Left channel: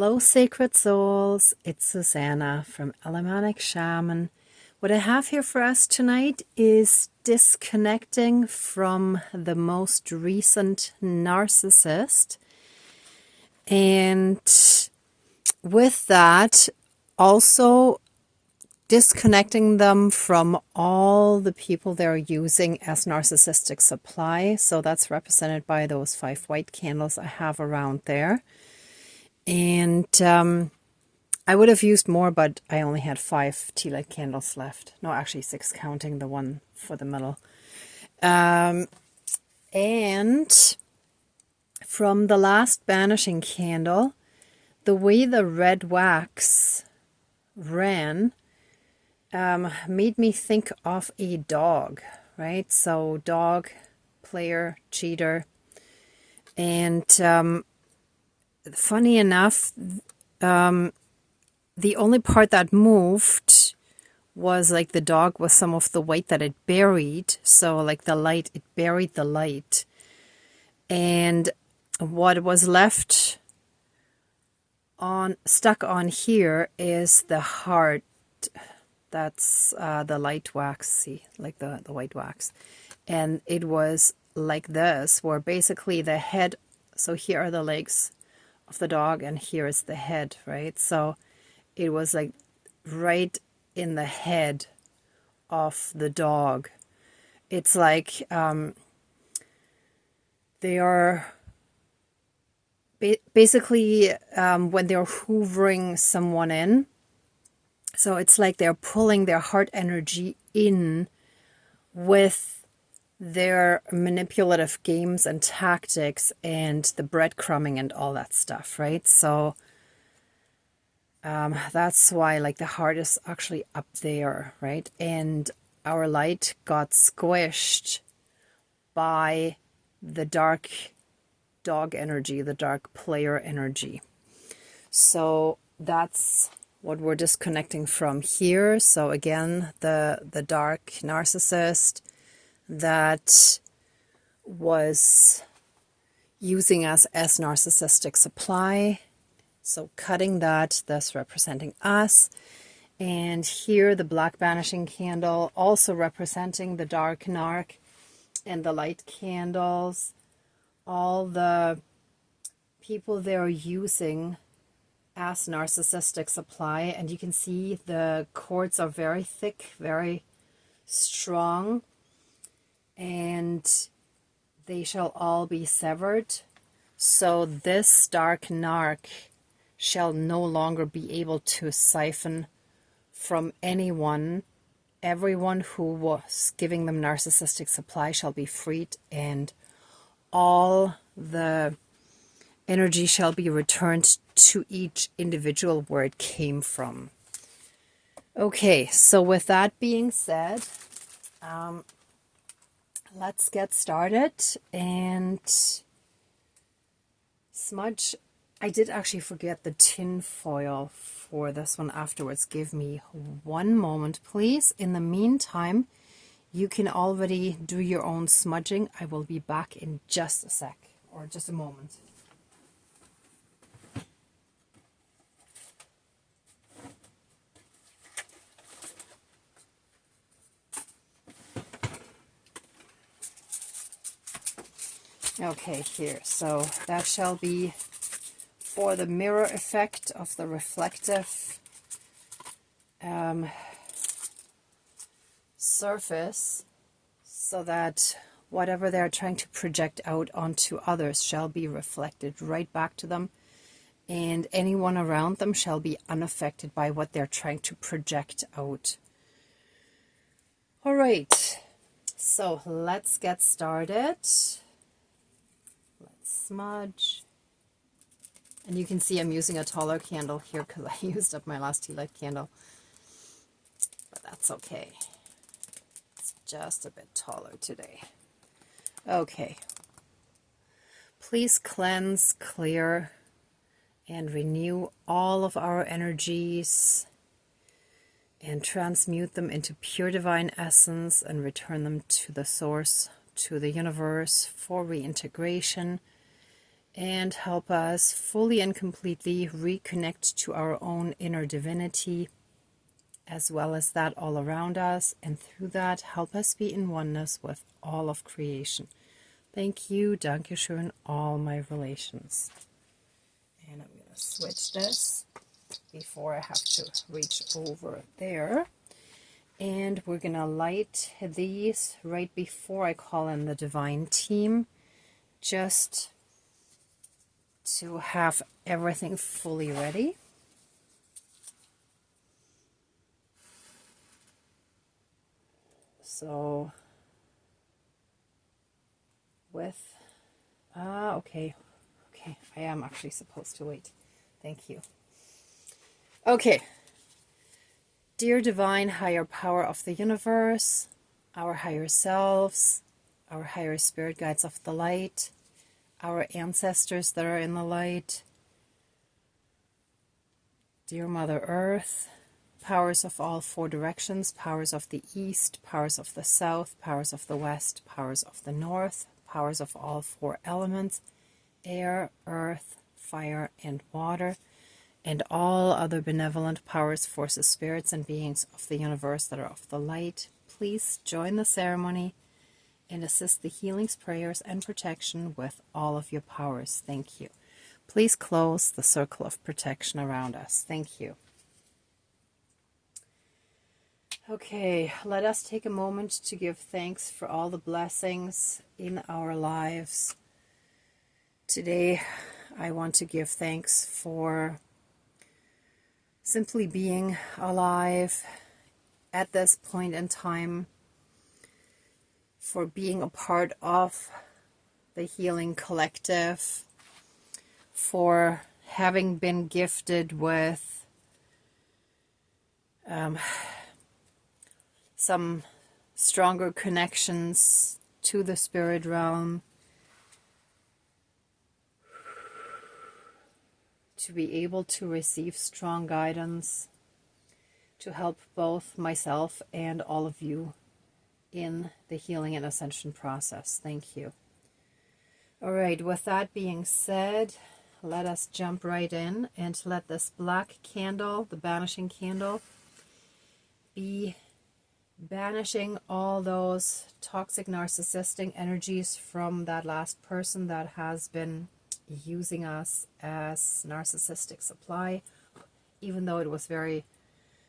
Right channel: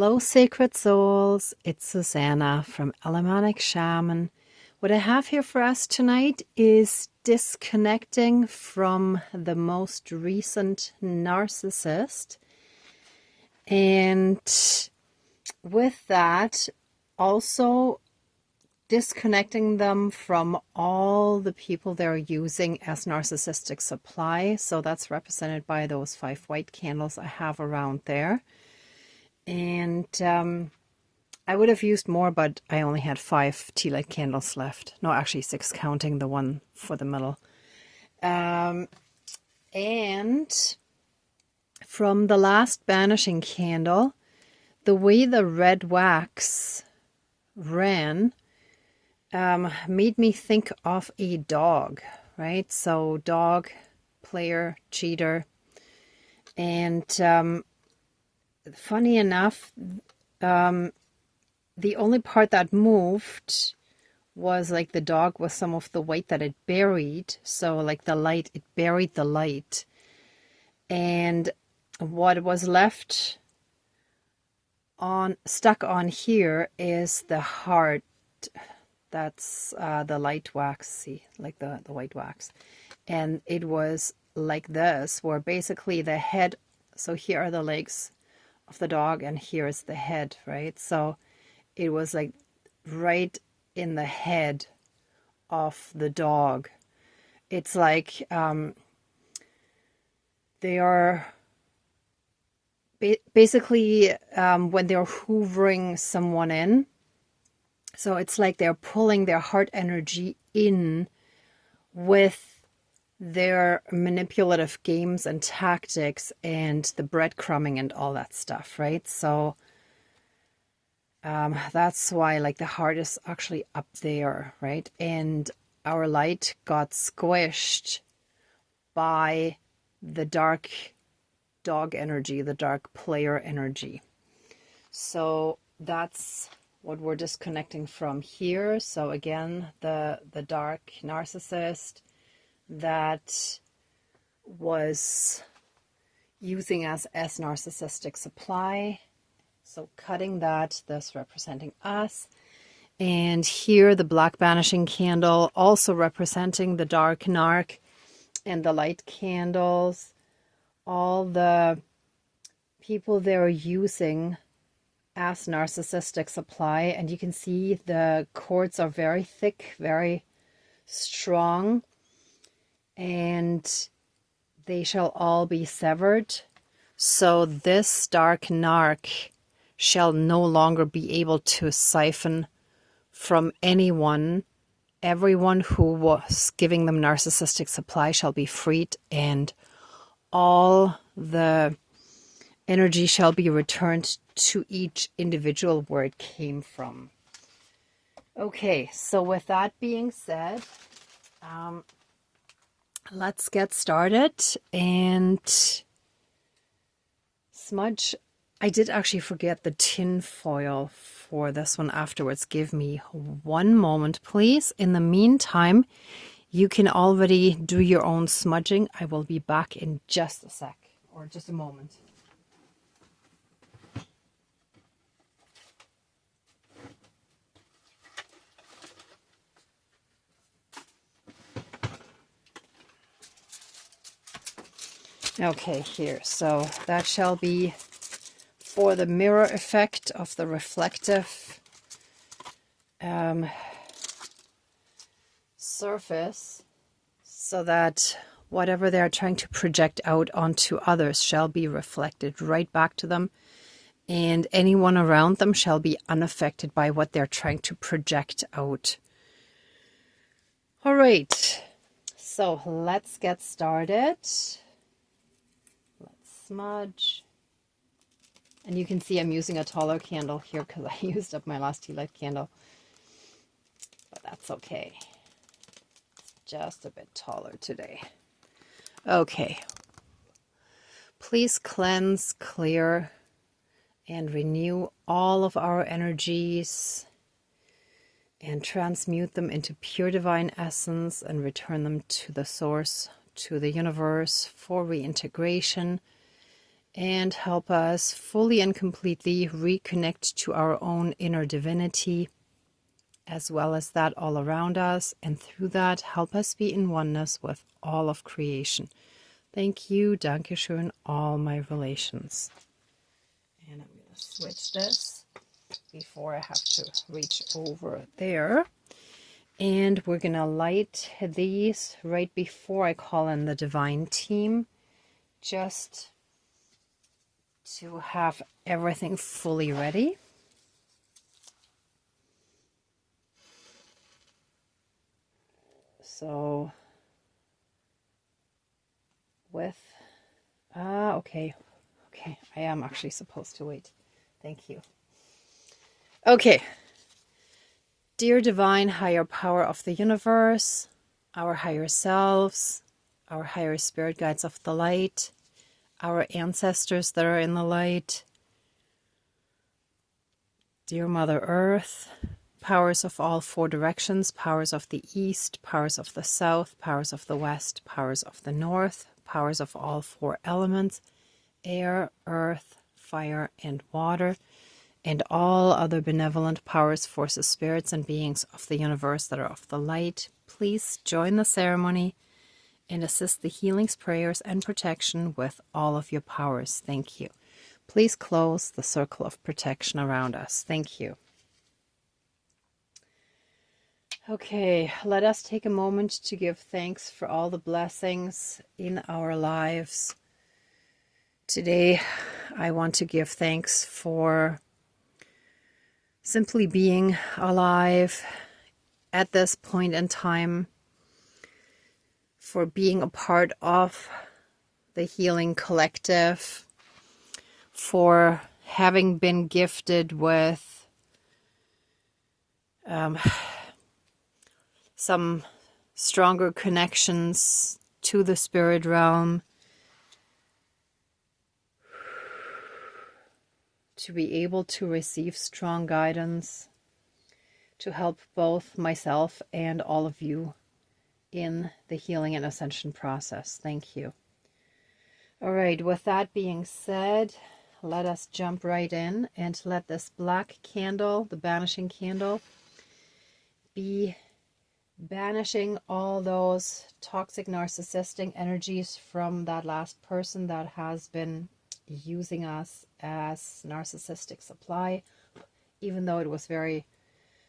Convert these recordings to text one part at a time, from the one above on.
Hello, sacred souls. It's Susanna from Alamanic Shaman. What I have here for us tonight is disconnecting from the most recent narcissist. And with that, also disconnecting them from all the people they're using as narcissistic supply. So that's represented by those 5 white candles I have around there. And I would have used more, but I only had 5 tea light candles left. No, actually 6, counting the one for the middle. And from the last banishing candle, the way the red wax ran made me think of a dog, right? So dog, player, cheater. And funny enough, the only part that moved was like the dog with some of the white that it buried. So like the light, it buried the light. And what was left stuck on here is the heart. That's the light wax, see, like the white wax. And it was like this, where basically the head, so here are the legs of the dog and here is the head, right? So it was like right in the head of the dog. It's like they are basically when they're hoovering someone in. So it's like they're pulling their heart energy in with their manipulative games and tactics and the breadcrumbing and all that stuff, right? So that's why like the heart is actually up there, right? And our light got squished by the dark dog energy, the dark player energy. So that's what we're disconnecting from here. So again, the dark narcissist that was using us as narcissistic supply. So cutting that, thus representing us. And here the black banishing candle, also representing the dark narc, and the light candles, all the people they're using as narcissistic supply. And you can see the cords are very thick, very strong, and they shall all be severed. So this dark narc shall no longer be able to siphon from anyone. Everyone who was giving them narcissistic supply shall be freed, and all the energy shall be returned to each individual where it came from. Okay, so with that being said, let's get started. And smudge, I did actually forget the tin foil for this one afterwards. Give me one moment, please. In the meantime, you can already do your own smudging. I will be back in just a sec, or just a moment. Okay, here, so that shall be for the mirror effect of the reflective surface, so that whatever they're trying to project out onto others shall be reflected right back to them, and anyone around them shall be unaffected by what they're trying to project out. All right, so let's get started. Smudge. And you can see I'm using a taller candle here because I used up my last tea light candle. But that's okay. It's just a bit taller today. Okay. Please cleanse, clear, and renew all of our energies and transmute them into pure divine essence and return them to the source, to the universe, for reintegration and help us fully and completely reconnect to our own inner divinity, as well as that all around us, and through that help us be in oneness with all of creation. Thank you, Dankeschön, all my relations. And I'm going to switch this before I have to reach over there. And we're going to light these right before I call in the divine team, just to have everything fully ready. So with, okay, I am actually supposed to wait. Thank you. Okay. Dear divine higher power of the universe, our higher selves, our higher spirit guides of the light, our ancestors that are in the light, dear Mother Earth, powers of all four directions, powers of the east, powers of the south, powers of the west, powers of the north, powers of all four elements, air, earth, fire, and water, and all other benevolent powers, forces, spirits, and beings of the universe that are of the light, please join the ceremony and assist the healings, prayers, and protection with all of your powers. Thank you. Please close the circle of protection around us. Thank you. Okay, let us take a moment to give thanks for all the blessings in our lives. Today, I want to give thanks for simply being alive at this point in time, for being a part of the healing collective, for having been gifted with some stronger connections to the spirit realm, to be able to receive strong guidance, to help both myself and all of you in the healing and ascension process. Thank you. All right, with that being said, let us jump right in and let this black candle, the banishing candle, be banishing all those toxic narcissistic energies from that last person that has been using us as narcissistic supply, even though it was very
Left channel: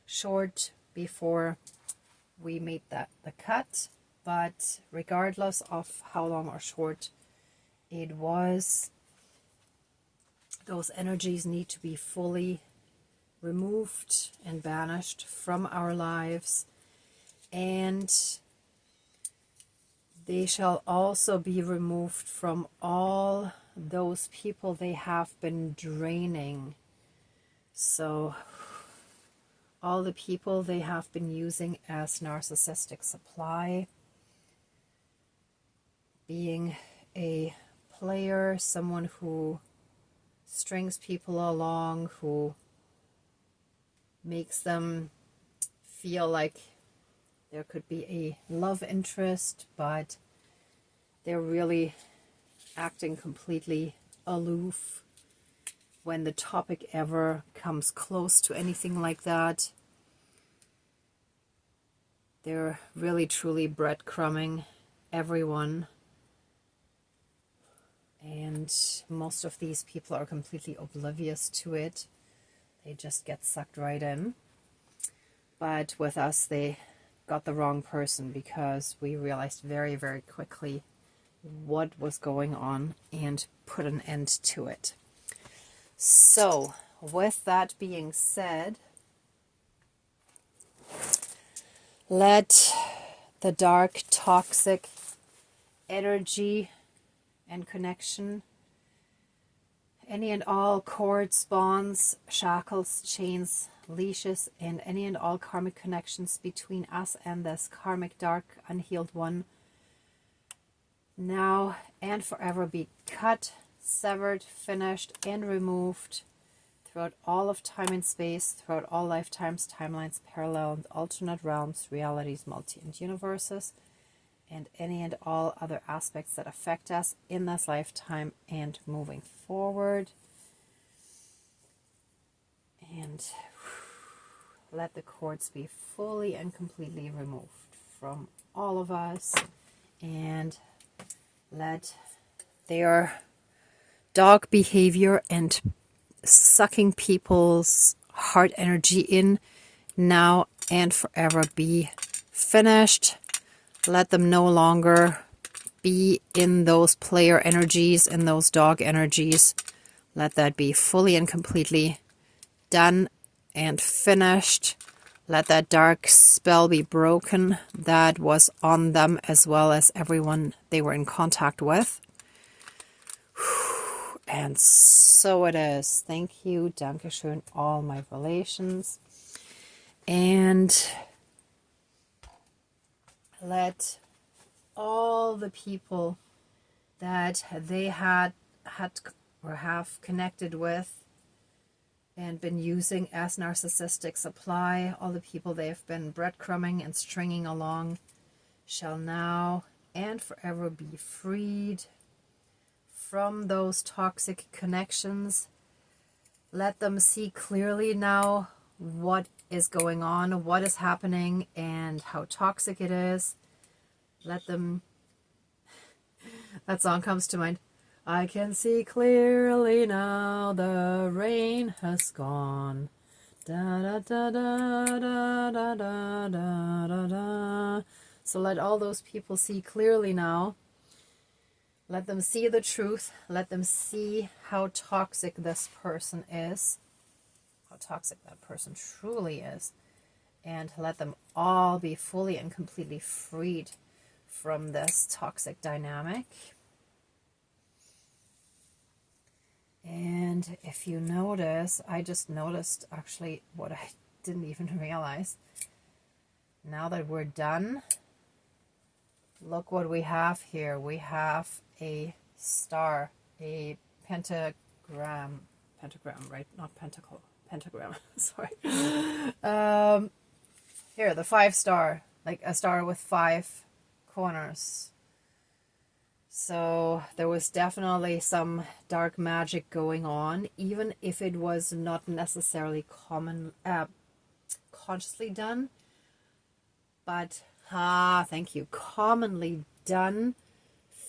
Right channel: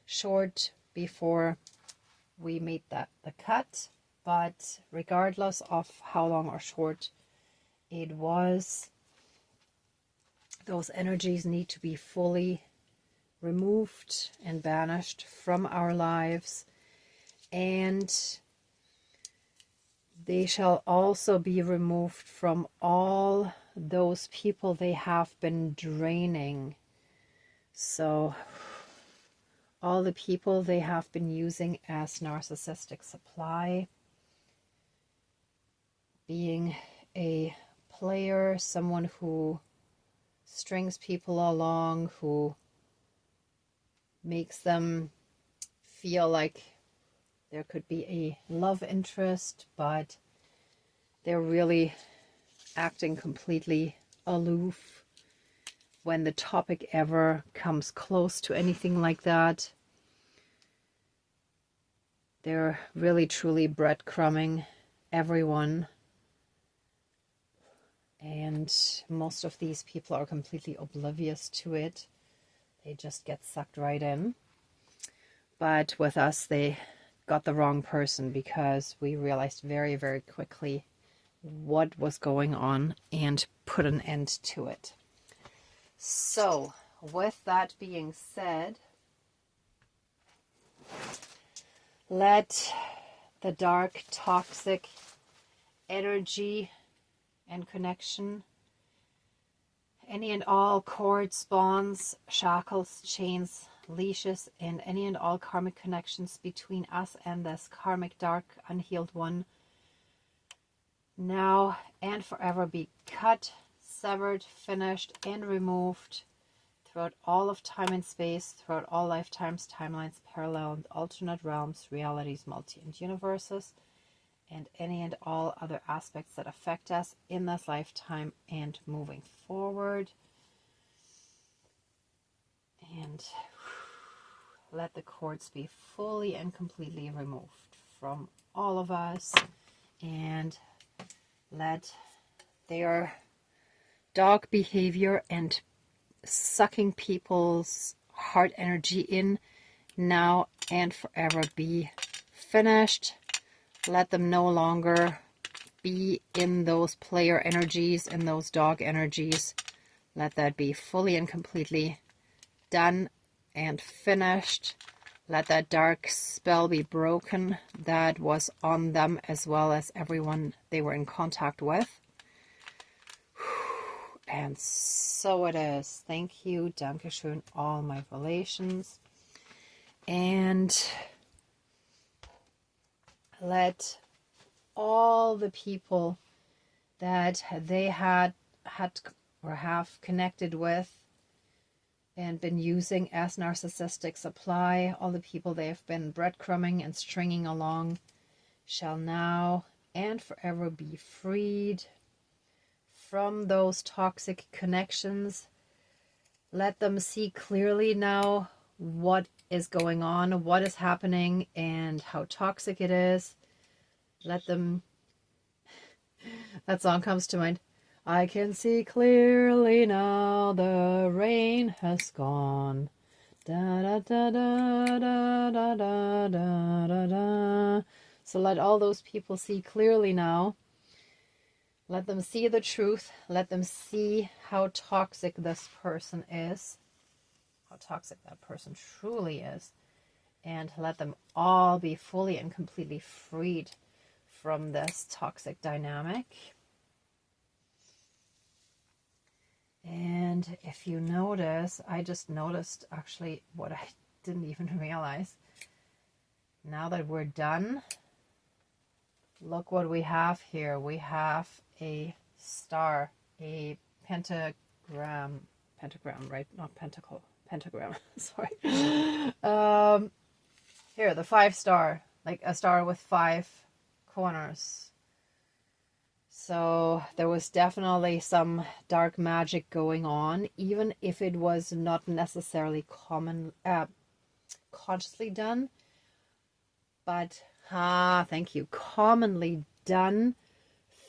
short before we made the cut. But regardless of how long or short it was, those energies need to be fully removed and banished from our lives, and they shall also be removed from all those people they have been draining. So all the people they have been using as narcissistic supply, being a player, someone who strings people along, who makes them feel like there could be a love interest, but they're really acting completely aloof when the topic ever comes close to anything like that. They're really truly breadcrumbing everyone, and most of these people are completely oblivious to it. They just get sucked right in. But with us, they got the wrong person, because we realized very, very quickly what was going on and put an end to it. So, with that being said, let the dark, toxic energy and connection, any and all cords, bonds, shackles, chains, leashes, and any and all karmic connections between us and this karmic dark unhealed one, now and forever be cut, severed, finished, and removed throughout all of time and space, throughout all lifetimes, timelines, parallel and alternate realms, realities, multi and universes, and any and all other aspects that affect us in this lifetime and moving forward. And let the cords be fully and completely removed from all of us, and let their dog behavior and sucking people's heart energy in now and forever be finished. Let them no longer be in those player energies, in those dog energies. Let that be fully and completely done and finished. Let that dark spell be broken that was on them as well as everyone they were in contact with. And so it is. Thank you. Dankeschön, all my relations. And let all the people that they had or have connected with and been using as narcissistic supply, all the people they've been breadcrumbing and stringing along, shall now and forever be freed from those toxic connections. Let them see clearly now what is going on, what is happening, and how toxic it is. Let them... That song comes to mind. I can see clearly now, the rain has gone. Da da da da da da da da da da. So let all those people see clearly now. Let them see the truth. Let them see how toxic this person is. How toxic that person truly is. And let them all be fully and completely freed from this toxic dynamic. And if you notice, I just noticed actually what I didn't even realize. Now that we're done, look what we have here. We have a star, a pentagram, right? Not pentacle, pentagram, sorry. Here, the 5 star, like a star with 5 corners. So there was definitely some dark magic going on, even if it was not necessarily consciously done, but thank you, commonly done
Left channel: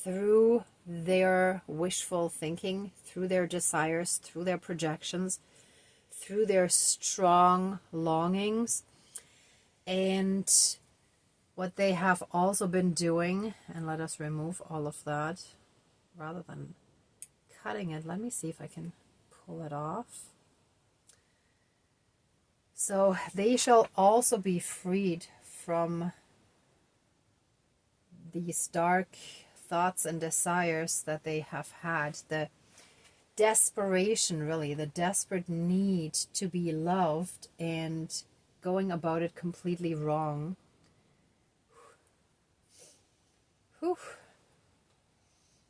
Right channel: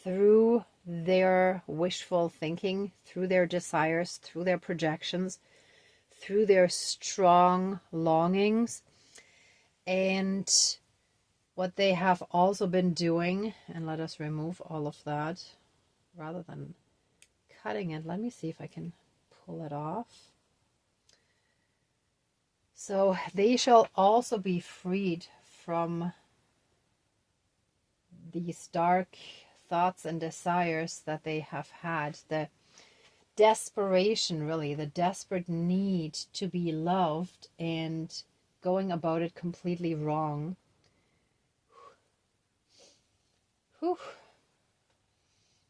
through their wishful thinking, through their desires, through their projections, through their strong longings. And what they have also been doing, and let us remove all of that rather than cutting it. Let me see if I can pull it off. So they shall also be freed from these dark thoughts and desires that they have had. The desperation, really, the desperate need to be loved and going about it completely wrong. Whew.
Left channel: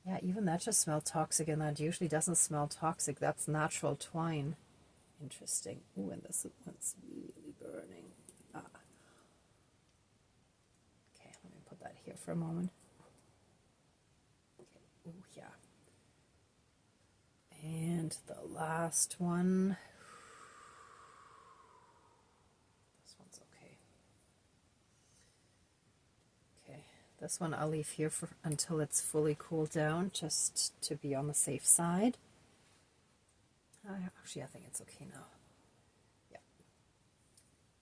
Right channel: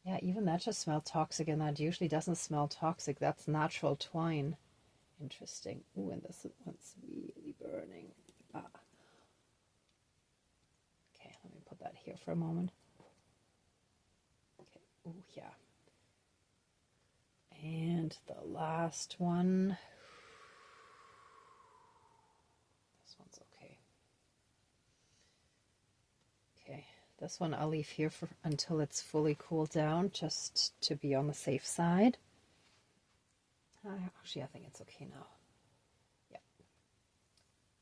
Yeah, even that just smelled toxic, and that usually doesn't smell toxic. That's natural twine. Interesting. Ooh, and this one's really burning. Okay, let me put that here for a moment. Okay. Ooh, yeah. And the last one. This one's okay. Okay. This one I'll leave here for until it's fully cooled down, just to be on the safe side. Actually, I think it's okay now. Yeah.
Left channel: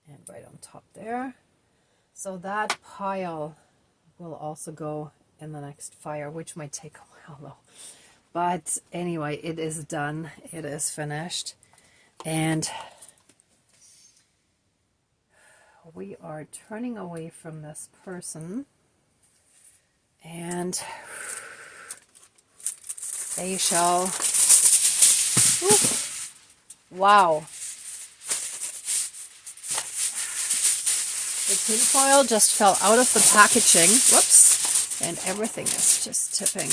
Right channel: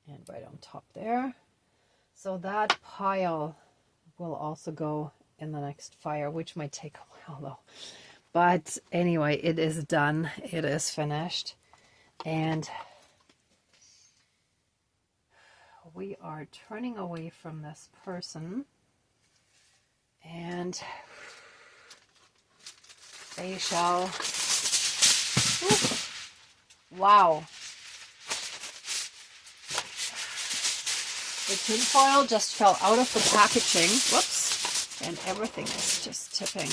And right on top there. So that pile will also go in the next fire, which might take a while though. But anyway, it is done. It is finished. And we are turning away from this person. And they shall... Wow. The tinfoil just fell out of the packaging. Whoops. And everything is just tipping.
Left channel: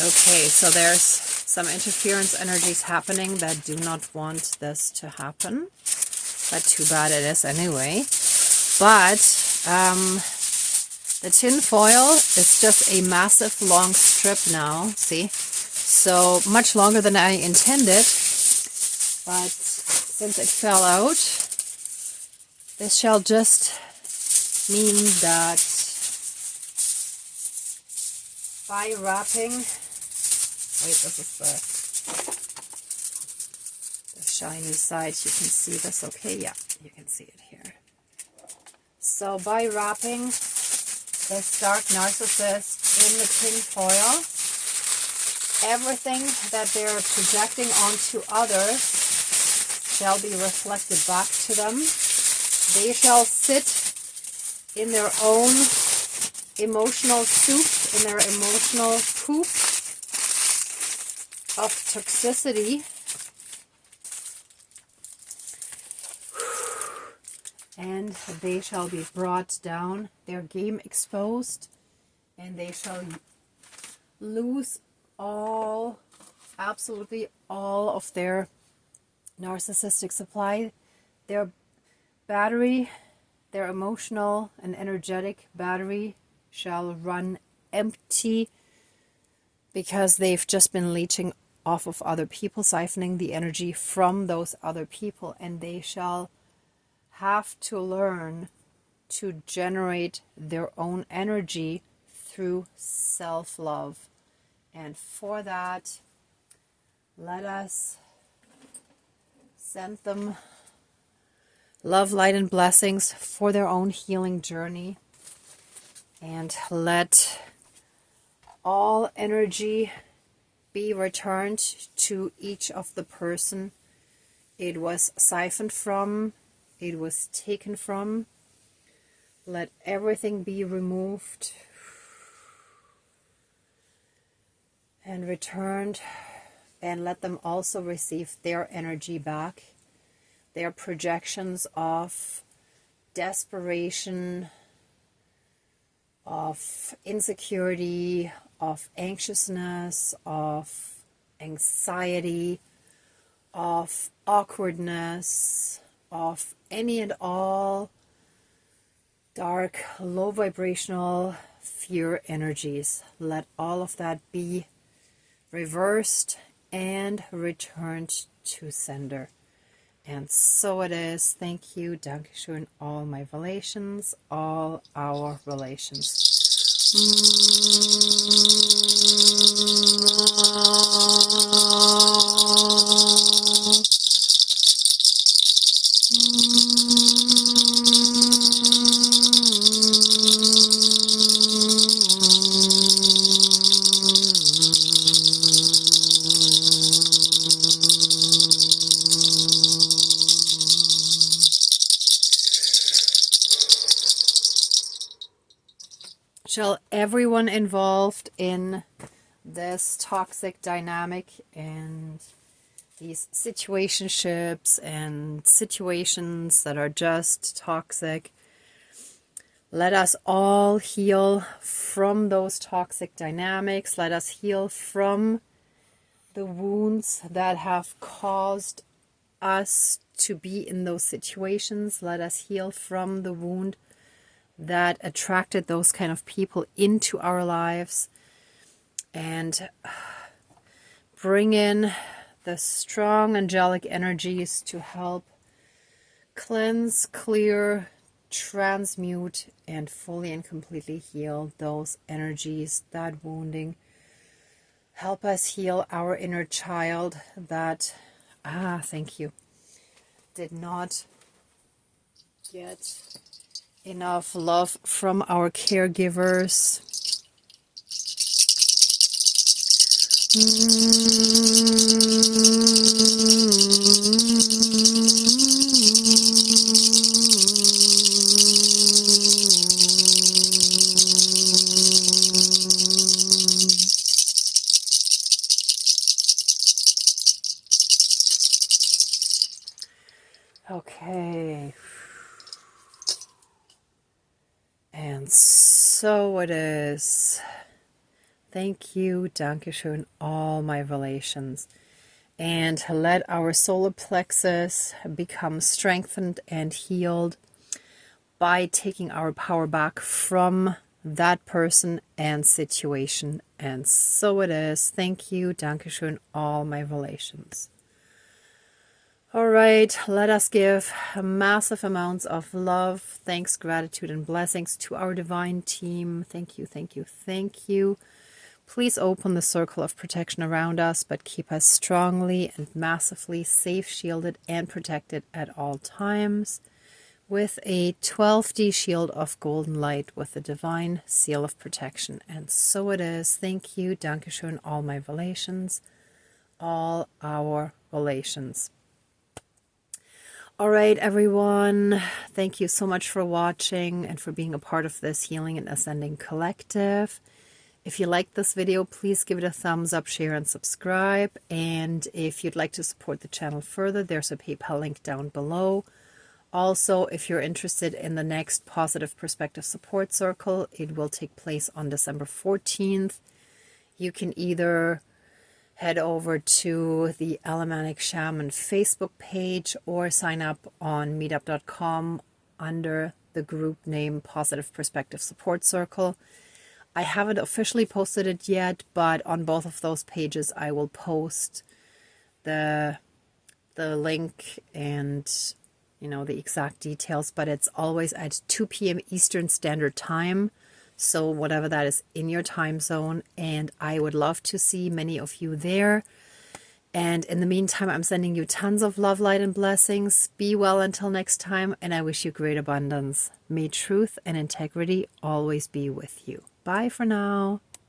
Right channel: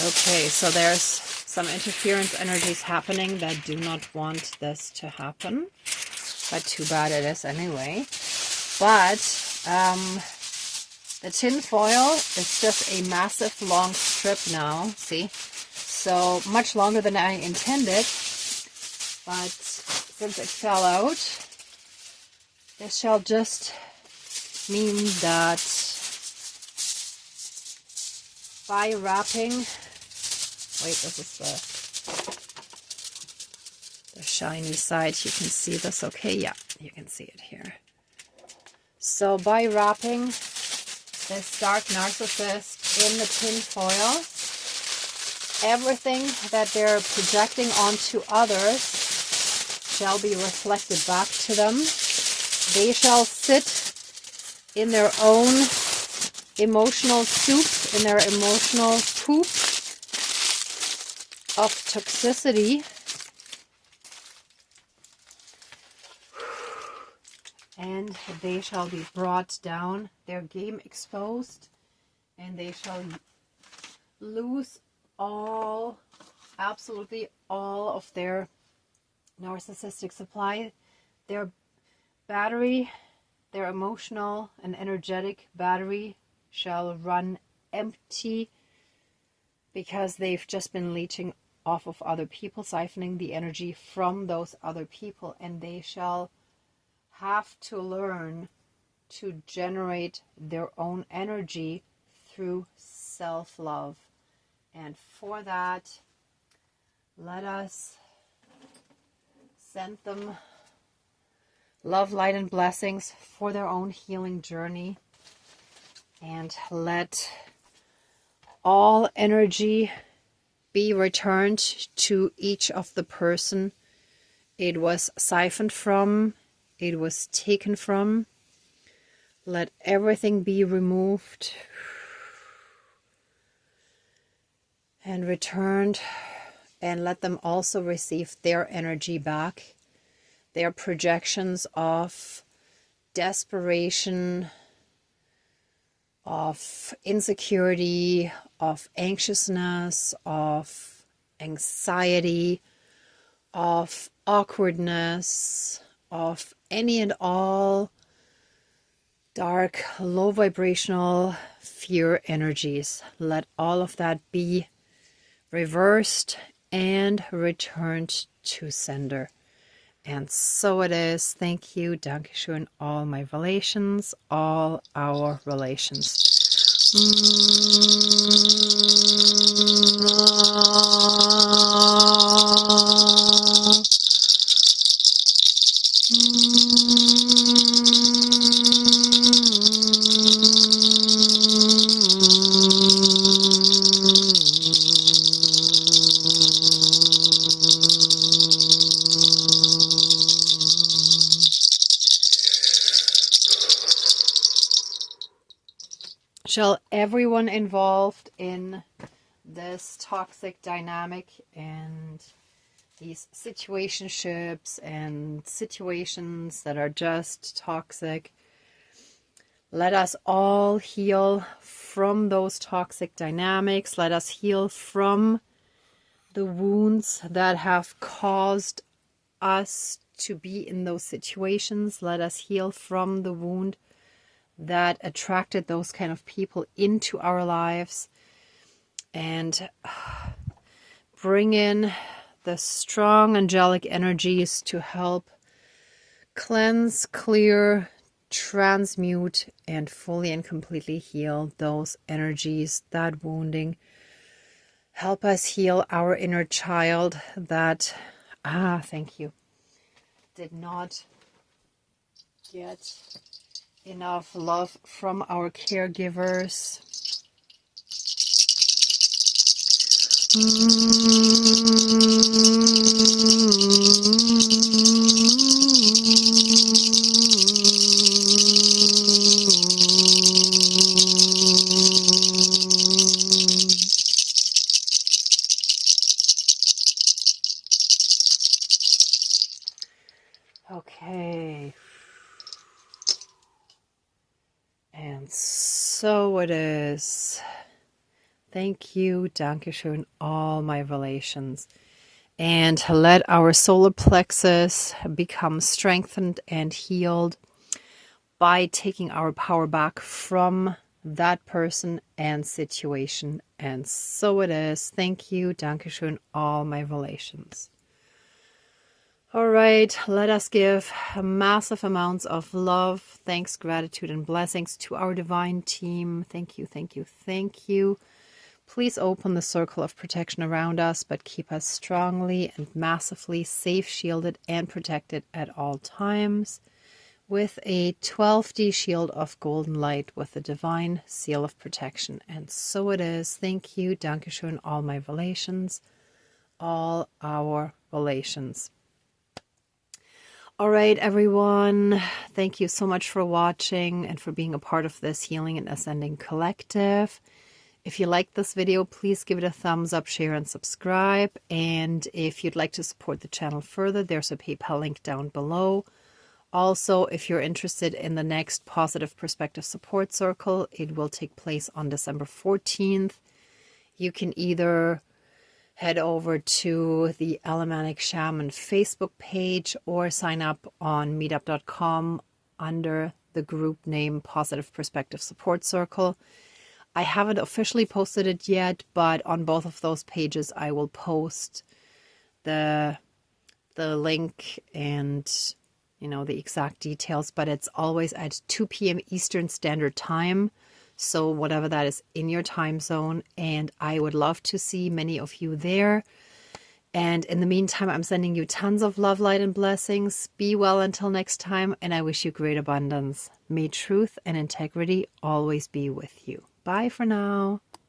Okay, so there's some interference energies happening that do not want this to happen. But too bad it is anyway. But The tin foil is just a massive long strip now, see? So much longer than I intended, but since it fell out, this shall just mean that by wrapping, wait, this is the shiny side. You can see this, okay? Yeah, you can see it here. So by wrapping this dark narcissist in the tin foil, everything that they're projecting onto others shall be reflected back to them. They shall sit in their own emotional soup, in their emotional poop of toxicity. And they shall be brought down, their game exposed, and they shall lose all, absolutely all of their narcissistic supply. Their battery, their emotional and energetic battery shall run empty because they've just been leeching off of other people, siphoning the energy from those other people, and they shall have to learn to generate their own energy through self-love. And for that, let us send them love, light, and blessings for their own healing journey. And let all energy be returned to each of the person it was siphoned from, it was taken from. Let everything be removed and returned, and let them also receive their energy back, their projections of desperation, of insecurity, of anxiousness, of anxiety, of awkwardness, of any and all dark, low vibrational fear energies. Let all of that be reversed and returned to sender. And so it is. Thank you. Dankeschön. All my relations, all our relations. Shall everyone involved in this toxic dynamic and these situationships and situations that are just toxic, let us all heal from those toxic dynamics. Let us heal from the wounds that have caused us to be in those situations. Let us heal from the wound that attracted those kind of people into our lives, and bring in the strong angelic energies to help cleanse, clear, transmute, and fully and completely heal those energies, that wounding. Help us heal our inner child that, thank you, did not get enough love from our caregivers. Okay. And so it is. Thank you, Dankeschön, all my relations. And let our solar plexus become strengthened and healed by taking our power back from that person and situation. And so it is. Thank you. Dankeschön, all my relations. All right, let us give massive amounts of love, thanks, gratitude, and blessings to our divine team. Thank you, thank you, thank you. Please open the circle of protection around us, but keep us strongly and massively safe, shielded, and protected at all times with a 12D shield of golden light with the divine seal of protection. And so it is. Thank you. Dankeschön, all my relations, all our relations. All right, everyone. Thank you so much for watching and for being a part of this Healing and Ascending Collective. If you liked this video, please give it a thumbs up, share, and subscribe. And if you'd like to support the channel further, there's a PayPal link down below. Also, if you're interested in the next Positive Perspective Support Circle, it will take place on December 14th. You can either head over to the Alemannic Shaman Facebook page or sign up on meetup.com under the group name Positive Perspective Support Circle. I haven't officially posted it yet, but on both of those pages I will post the link and the exact details, but it's always at 2 p.m. Eastern Standard Time. So whatever that is in your time zone, and I would love to see many of you there. And in the meantime, I'm sending you tons of love, light, and blessings. Be well until next time, and I wish you great abundance. May truth and integrity always be with you. Bye for now.